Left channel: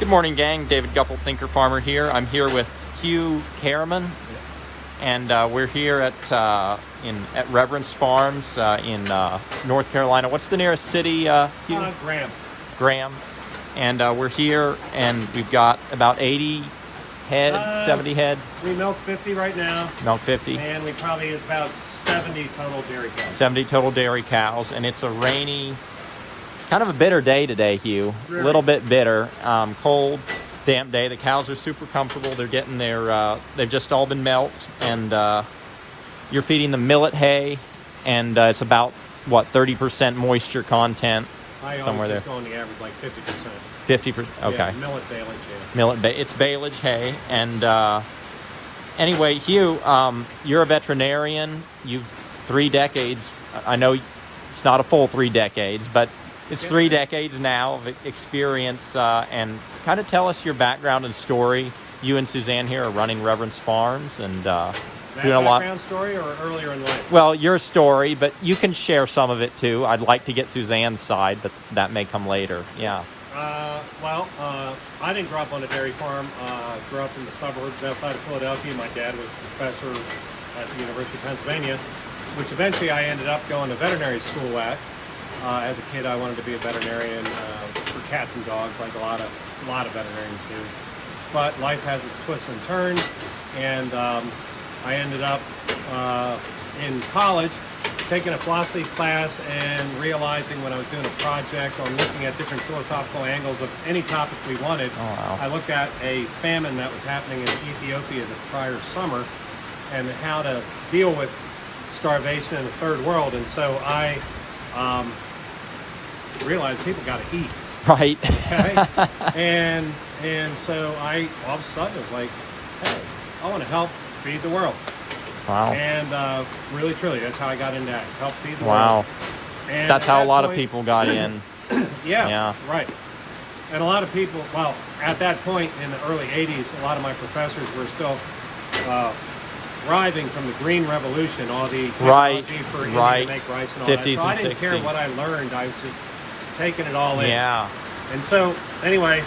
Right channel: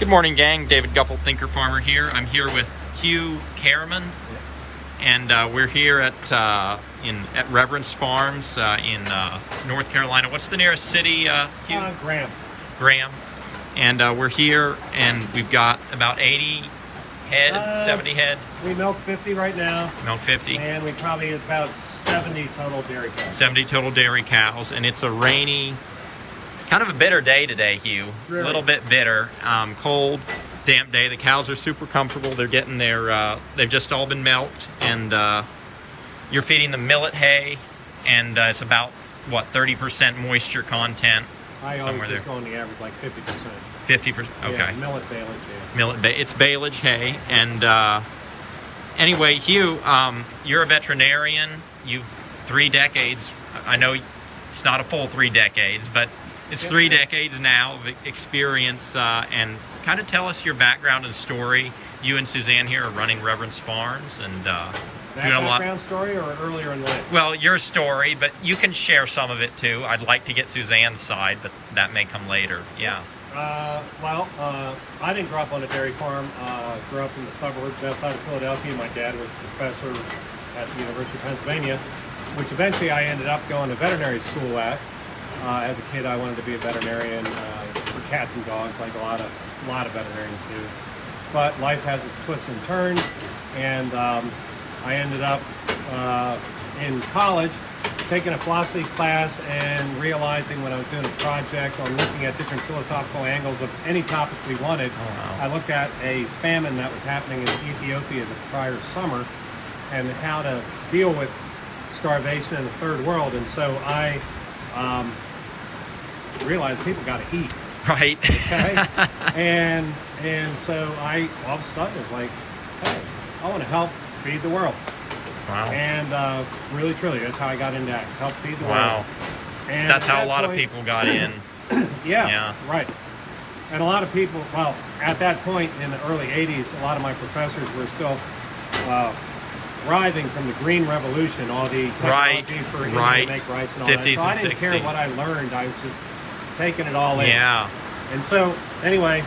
Good morning, gang. David Guppel, Thinker Farmer here. I'm here with Hue Karreman, and we're here at Reverence Farms in North Carolina. What's the nearest city, Hugh? Graham. And we're here, and we've got about 80 head, 70 head. We milk 50 right now. Milk 50. And we probably have about 70 total dairy cows. 70 total dairy cows, and it's a rainy, kind of a bitter day today, Hugh. Really? A little bit bitter. Cold, damp day. The cows are super comfortable. They're getting their, they've just all been milked, and you're feeding them millet hay, and it's about, what, 30% moisture content? I somewhere always there. just go on the average like 50%. 50%, okay. Yeah, millet baleage, yeah. It's baleage hay, and anyway, Hugh, you're a veterinarian. You've 3 decades. I know it's not a full 3 decades, but it's 3 decades now of experience, and kind of tell us your background and story. You and Suzanne here are running Reverence Farms, and doing a lot. Background story or earlier in life? Well, your story, but you can share some of it too. I'd like to get Suzanne's side, but that may come later. Yeah. I didn't grow up on a dairy farm. Grew up in the suburbs outside of Philadelphia. My dad was a professor at the University of Pennsylvania, which eventually I ended up going to veterinary school at. As a kid, I wanted to be a veterinarian for cats and dogs, like a lot of veterinarians do. But life has its twists and turns, and I ended up in college taking a philosophy class and realizing when I was doing a project on looking at different philosophical angles of any topic we wanted. Oh, wow. I looked at a famine that was happening in Ethiopia the prior summer and how to deal with starvation in the third world. And so I realized people got to eat. Right. Okay. and so I all of a sudden was like, hey, I want to help feed the world. Wow. And really, truly, that's how I got into that. Help feed the world. Wow. And That's how at a lot of point- people got in. Yeah, right. And a lot of people, well, at that point in the early 80s, a lot of my professors were still thriving from the Green Revolution, all the technology for India to make rice and all that. 50s So I and didn't care 60s. what I learned. I was just taking it all in. Yeah. And so, anyway,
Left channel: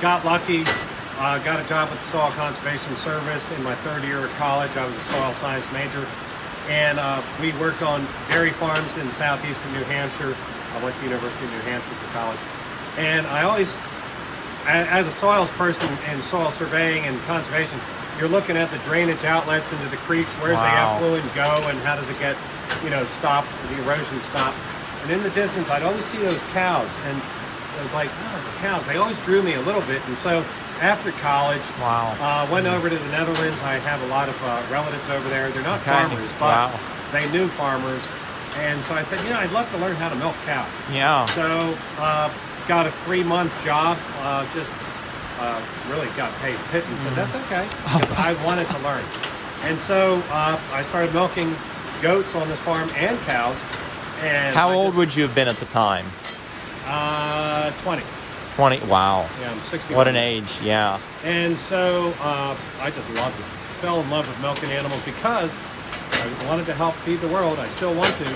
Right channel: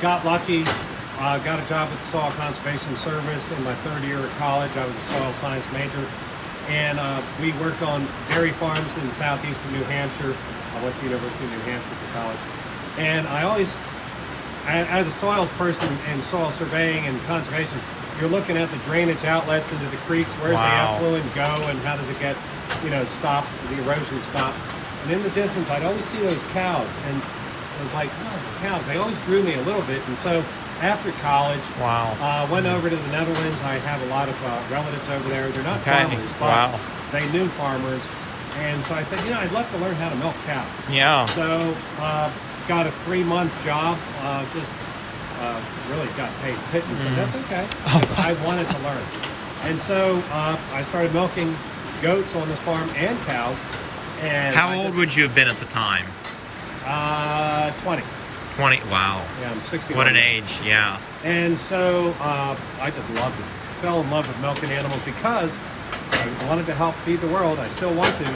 got lucky. Got a job with the Soil Conservation Service in my 3rd year of college. I was a soil science major. And we worked on dairy farms in southeastern New Hampshire. I went to the University of New Hampshire for college. And I always, as a soils person in soil surveying and conservation, you're looking at the drainage outlets into the creeks. Where's the effluent go and how does it get, stopped, the erosion stopped? And in the distance, I'd always see those cows. And it was like, oh, the cows, they always drew me a little bit. And so after college, went over to the Netherlands. I have a lot of relatives over there. They're not farmers, but they knew farmers. And so I said, I'd love to learn how to milk cows. Yeah. So got a 3-month job, really got paid pittance, and that's okay. I wanted to learn. And so I started milking goats on the farm and cows. And How old would you have been at the time? 20. 20. Wow. Yeah, I'm 60. What an age. Yeah. And so I just loved it. Fell in love with milking animals because I wanted to help feed the world. I still want to.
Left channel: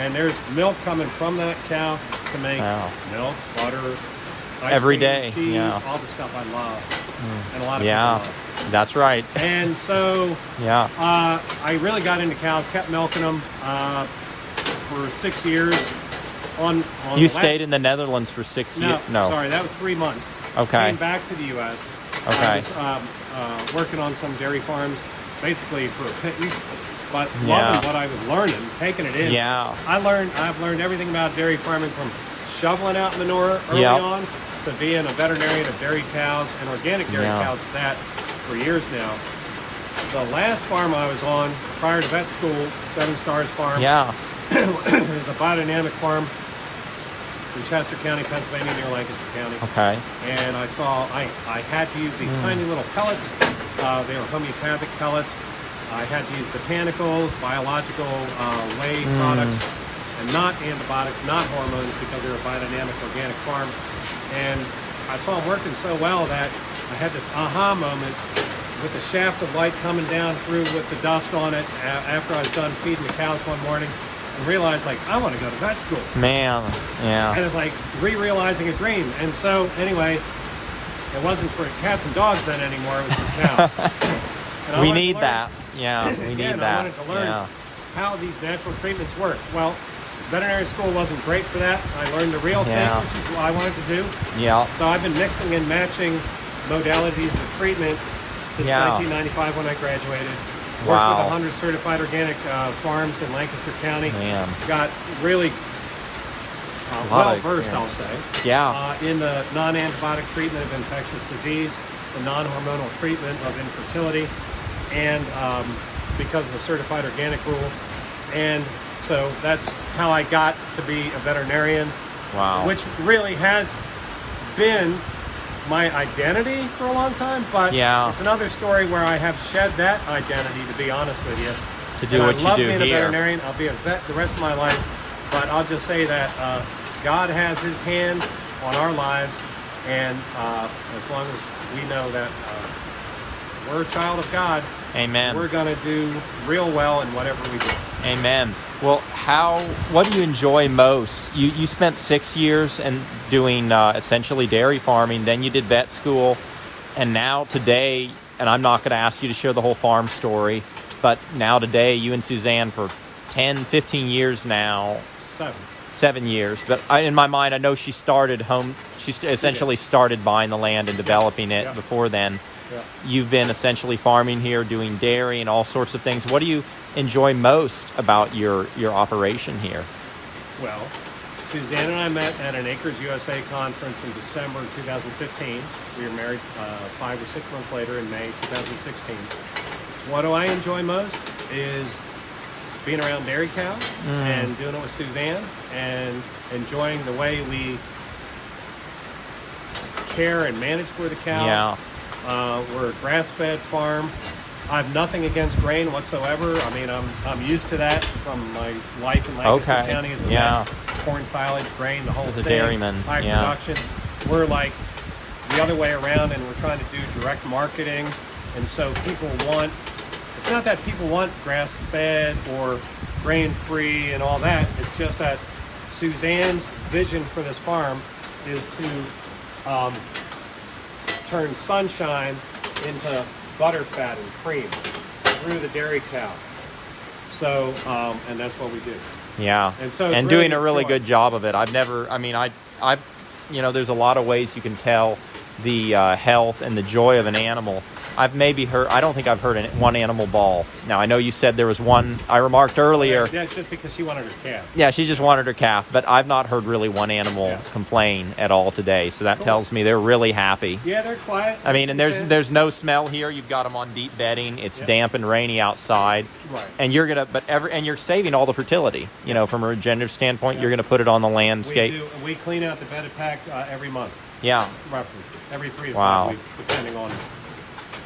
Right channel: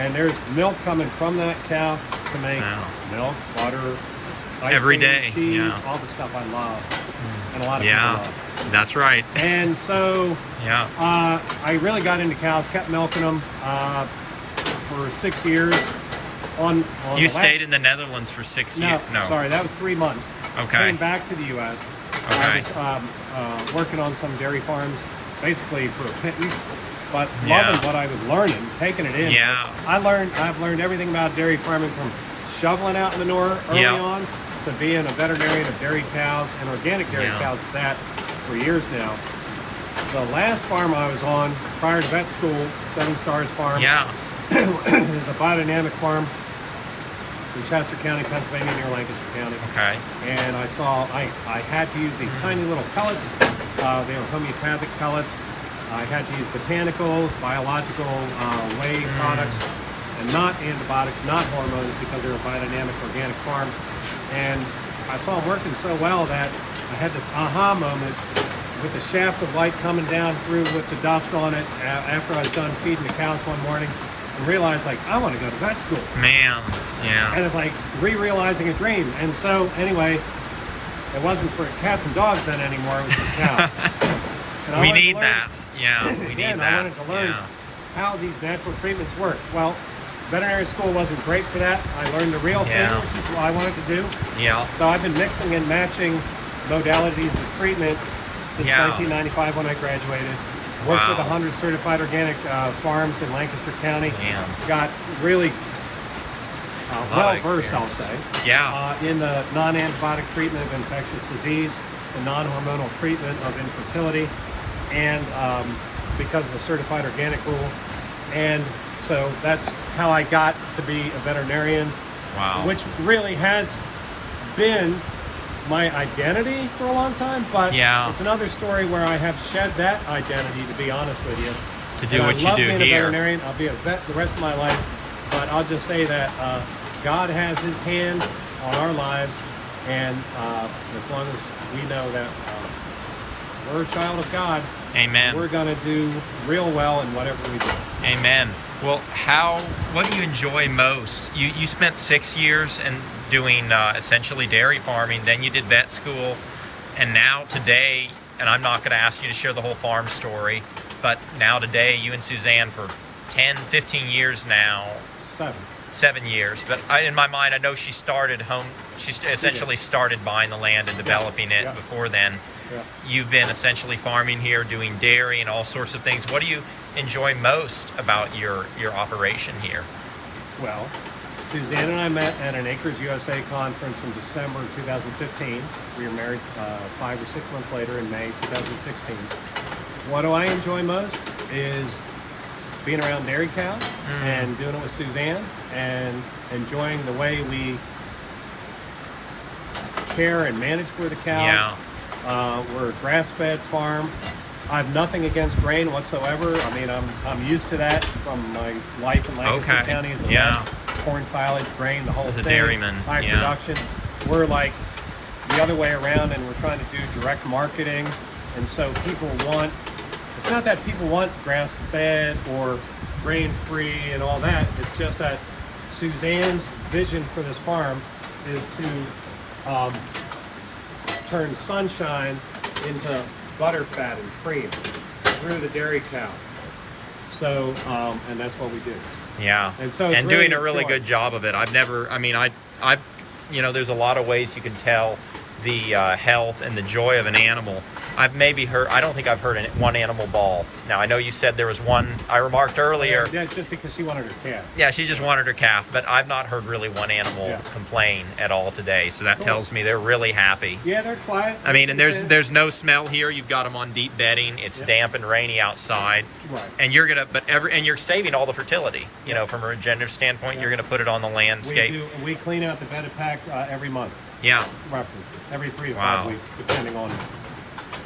And there's milk coming from that cow to make milk, butter, ice Every cream, day. cheese, all the stuff I love. And a lot of people love. That's right. And so I really got into cows, kept milking them for 6 years. You stayed in the Netherlands for 6 years? No, sorry, that was 3 months. Okay. Came back to the U.S. Okay. I was working on some dairy farms, basically for a pittance, but loving what I was learning, taking it in. Yeah. I've learned everything about dairy farming from shoveling out manure early on to being a veterinarian of dairy cows and organic dairy cows at that for years now. The last farm I was on prior to vet school, 7 Stars Farm, it was a biodynamic farm in Chester County, Pennsylvania, near Lancaster County. Okay. And I had to use these tiny little pellets. They were homeopathic pellets. I had to use botanicals, biological whey products, and not antibiotics, not hormones, because they're a biodynamic organic farm. And I saw them working so well that I had this aha moment with a shaft of light coming down through with the dust on it after I was done feeding the cows one morning. And realized, like, I want to go to vet school. Man, yeah. And it's like re-realizing a dream. And so, anyway, It wasn't for cats and dogs then anymore. It was for cows. And I We wanted to need learn- that. Yeah, we need Again, that. I wanted to learn Yeah. how these natural treatments work. Well, veterinary school wasn't great for that. I learned the real thing, Yeah. which is what I wanted to do. Yeah. So I've been mixing and matching modalities of treatment since Yeah. 1995 when I graduated. Worked Wow. with 100 certified organic farms in Lancaster County. Man. Got really lot well of versed, I'll experience. say, Yeah. in the non-antibiotic treatment of infectious disease, the non-hormonal treatment of infertility, and because of the certified organic rule. And so that's how I got to be a veterinarian, Wow. which really has been my identity for a long time, but Yeah. it's another story where I have shed that identity, to be honest with you. To do And what I you love do being here. a veterinarian. I'll be a vet the rest of my life, but I'll just say that God has his hand on our lives, and as long as we know that we're a child of God, Amen. we're going to do real well in whatever we do. Amen. Well, what do you enjoy most? You spent 6 years and doing essentially dairy farming, then you did vet school, and now today, and I'm not going to ask you to share the whole farm story, but now today, you and Suzanne for 10, 15 years now, 7 years, but in my mind, I know she started home, she essentially started buying the land and developing it before then. Yeah. You've been essentially farming here, doing dairy and all sorts of things. What do you enjoy most about your operation here? Well, Suzanne and I met at an Acres USA conference in December 2015. We were married 5 or 6 months later in May 2016. What do I enjoy most is being around dairy cows and doing it with Suzanne and enjoying the way we care and manage for the cows. Yeah. We're a grass-fed farm. I have nothing against grain whatsoever. I mean, I'm used to that from my life in Lancaster Okay. County as a Yeah. vet. Corn, silage, grain, the whole As a thing. dairyman, High yeah. production. We're like the other way around, and we're trying to do direct marketing. And so people want, it's not that people want grass-fed or grain-free and all that. It's just that Suzanne's vision for this farm is to turn sunshine into butter fat and cream through the dairy cow. So, and that's what we do. Yeah. And so it's doing really a really joy. good job of it. I've there's a lot of ways you can tell the health and the joy of an animal. I've maybe heard, I don't think I've heard one animal bawl. Now, I know you said there was one, I remarked earlier. Yeah, it's just because she wanted her calf. Yeah, she just wanted her calf, but I've not heard really one animal complain at all today. So that tells me they're really happy. Yeah, they're quiet. I mean, and there's no smell here. You've got them on deep bedding. It's damp and rainy outside. Right. And you're gonna, and you're saving all the fertility. You know, from a regenerative standpoint, you're gonna put it on the landscape. We do. We clean out the bedded pack every month, Yeah. roughly, every 3 to Wow. 5 weeks, depending on.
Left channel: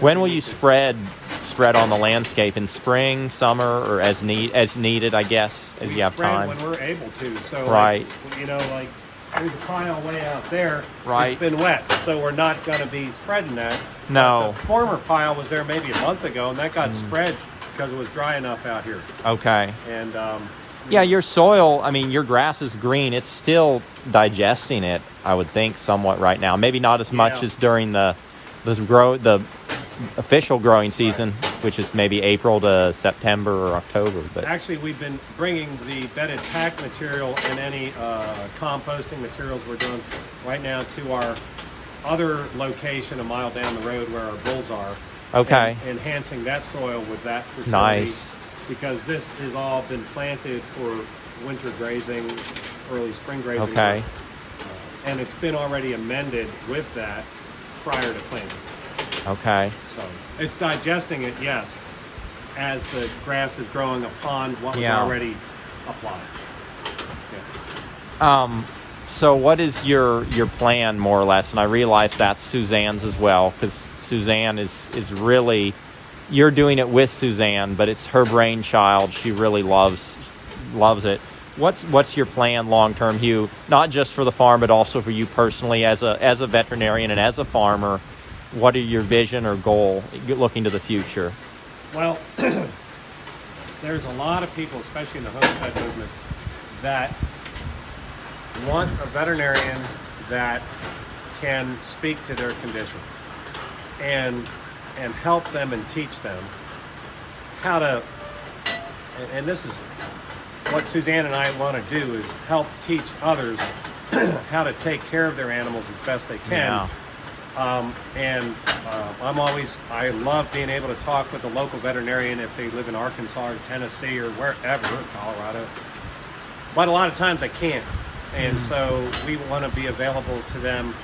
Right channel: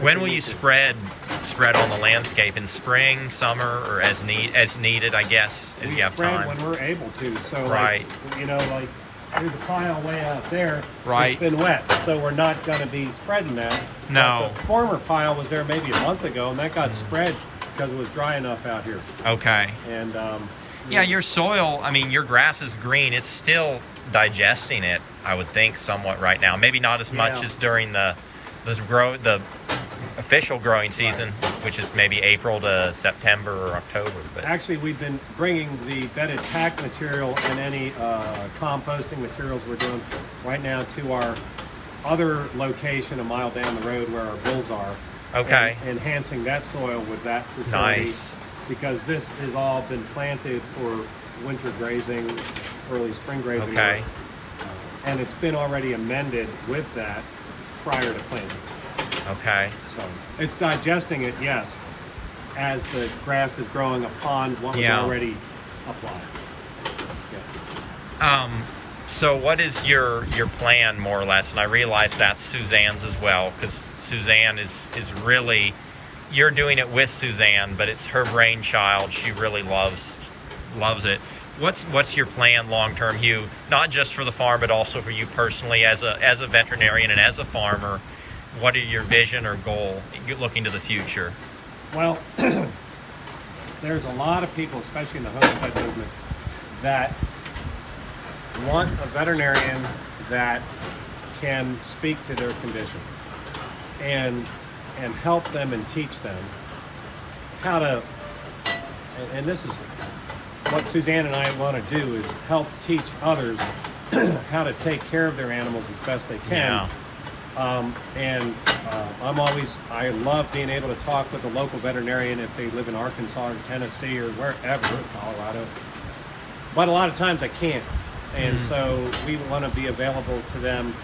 When will you spread on the landscape? In spring, summer, or as needed? I guess as We you have spread time. when we're able to. So, Right. like there's a pile way out there. Right. It's been wet, so we're not going to be spreading that. No. But the former pile was there maybe a month ago, and that got spread because it was dry enough out here. Okay. And Yeah, your soil, I mean, your grass is green. It's still digesting it, I would think, somewhat right now. Maybe not as much as during the official growing season, which is maybe April to September or October. But actually, we've been bringing the bedded pack material and any composting materials we're doing right now to our other location a mile down the road where our bulls are. Okay. And enhancing that soil with that fertility. Nice. Because this has all been planted for winter grazing, early spring grazing. Okay. And it's been already amended with that prior to planting. Okay. So it's digesting it, yes, as the grass is growing upon what was already applied. Yeah. So what is your plan, more or less? And I realize that's Suzanne's as well, because Suzanne is really, you're doing it with Suzanne, but it's her brainchild. She really loves it. What's your plan long term, Hugh? Not just for the farm, but also for you personally as a veterinarian and as a farmer. What are your vision or goal looking to the future? Well, there's a lot of people, especially in the homestead movement, that want a veterinarian that can speak to their condition and help them and teach them how to, and this is what Suzanne and I want to do, is help teach others how to take care of their animals as best they can. I love being able to talk with a local veterinarian if they live in Arkansas or Tennessee or wherever, Colorado. But a lot of times I can't. And so we want to be available to them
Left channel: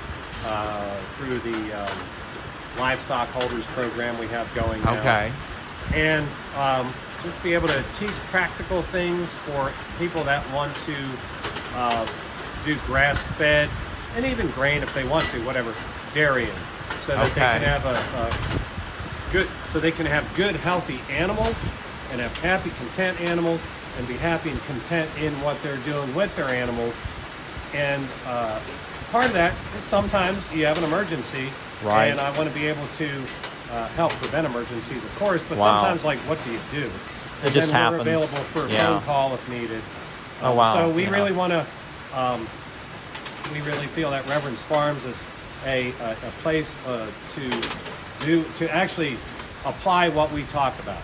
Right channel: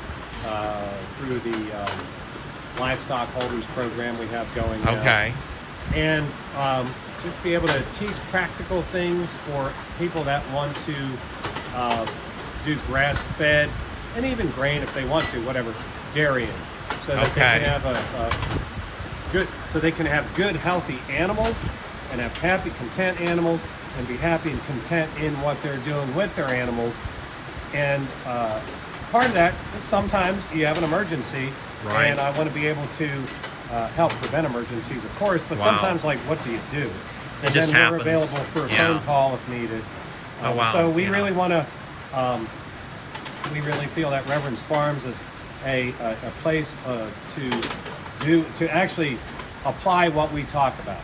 through the livestock holders program we have going now. Okay. And just to be able to teach practical things for people that want to do grass-fed and even grain if they want to, whatever, dairying, so that they can have good, healthy animals and have happy, content animals and be happy and content in what they're doing with their animals. And part of that is sometimes you have an emergency, and I want to be able to help prevent emergencies, of course, but sometimes, like, what do you do? And then we're available for a phone call if needed. So we really want to, we really feel that Reverence Farms is a place to actually apply what we talk about.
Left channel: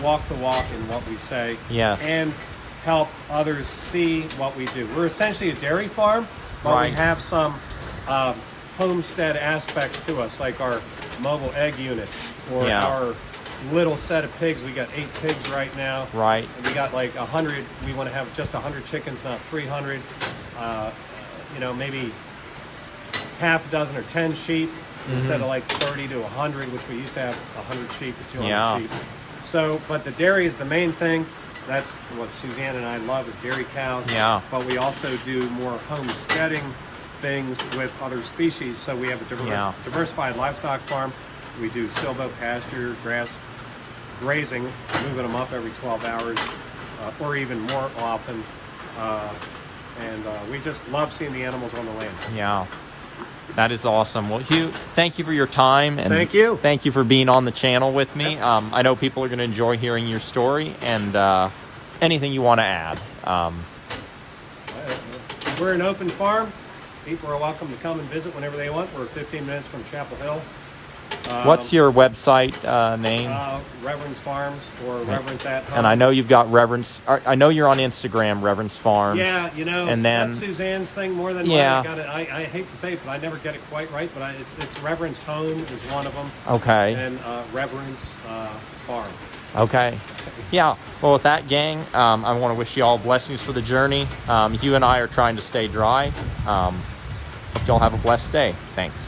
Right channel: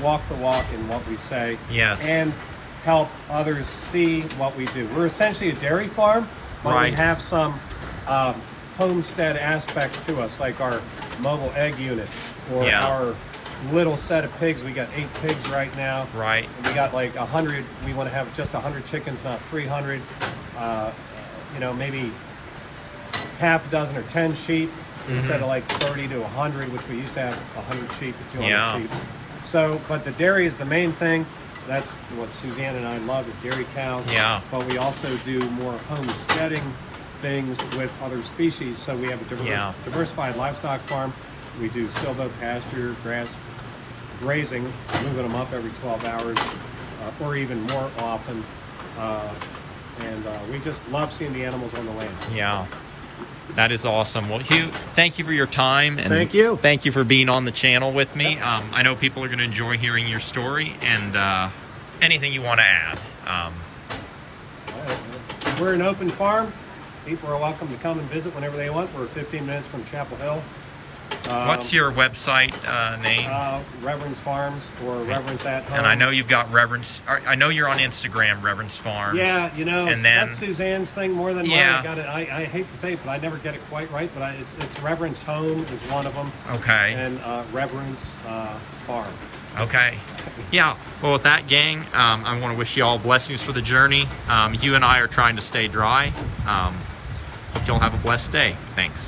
Walk the walk in what we say. And help others see what we do. We're essentially a dairy farm, but we have some homestead aspects to us, like our mobile egg units or our little set of pigs. We got 8 pigs right now. And we got like 100. We want to have just 100 chickens, not 300. You know, maybe half a dozen or 10 sheep instead of like 30 to 100, which we used to have 100 sheep to 200 sheep. So, but the dairy is the main thing. That's what Suzanne and I love, is dairy cows. But we also do more homesteading things with other species. So we have a diversified livestock farm. We do silvo pasture, grass grazing, moving them up every 12 hours or even more often. And we just love seeing the animals on the land. That is awesome. Well, Hugh, thank you for your time. And thank you. Thank you for being on the channel with me. I know people are going to enjoy hearing your story and anything you want to add. We're an open farm. People are welcome to come and visit whenever they want. We're 15 minutes from Chapel Hill. What's your website name? Reverence Farms or Reverence at Home. And I know you've got Reverence. I know you're on Instagram, Reverence Farms. Yeah, you know, and then, that's Suzanne's thing more than mine. I hate to say it, but I never get it quite right. But it's Reverence Home is one of them. Okay. And Reverence Farm. Okay. Yeah. Well, with that, gang, I want to wish you all blessings for the journey. Hugh and I are trying to stay dry. Hope y'all have a blessed day. Thanks.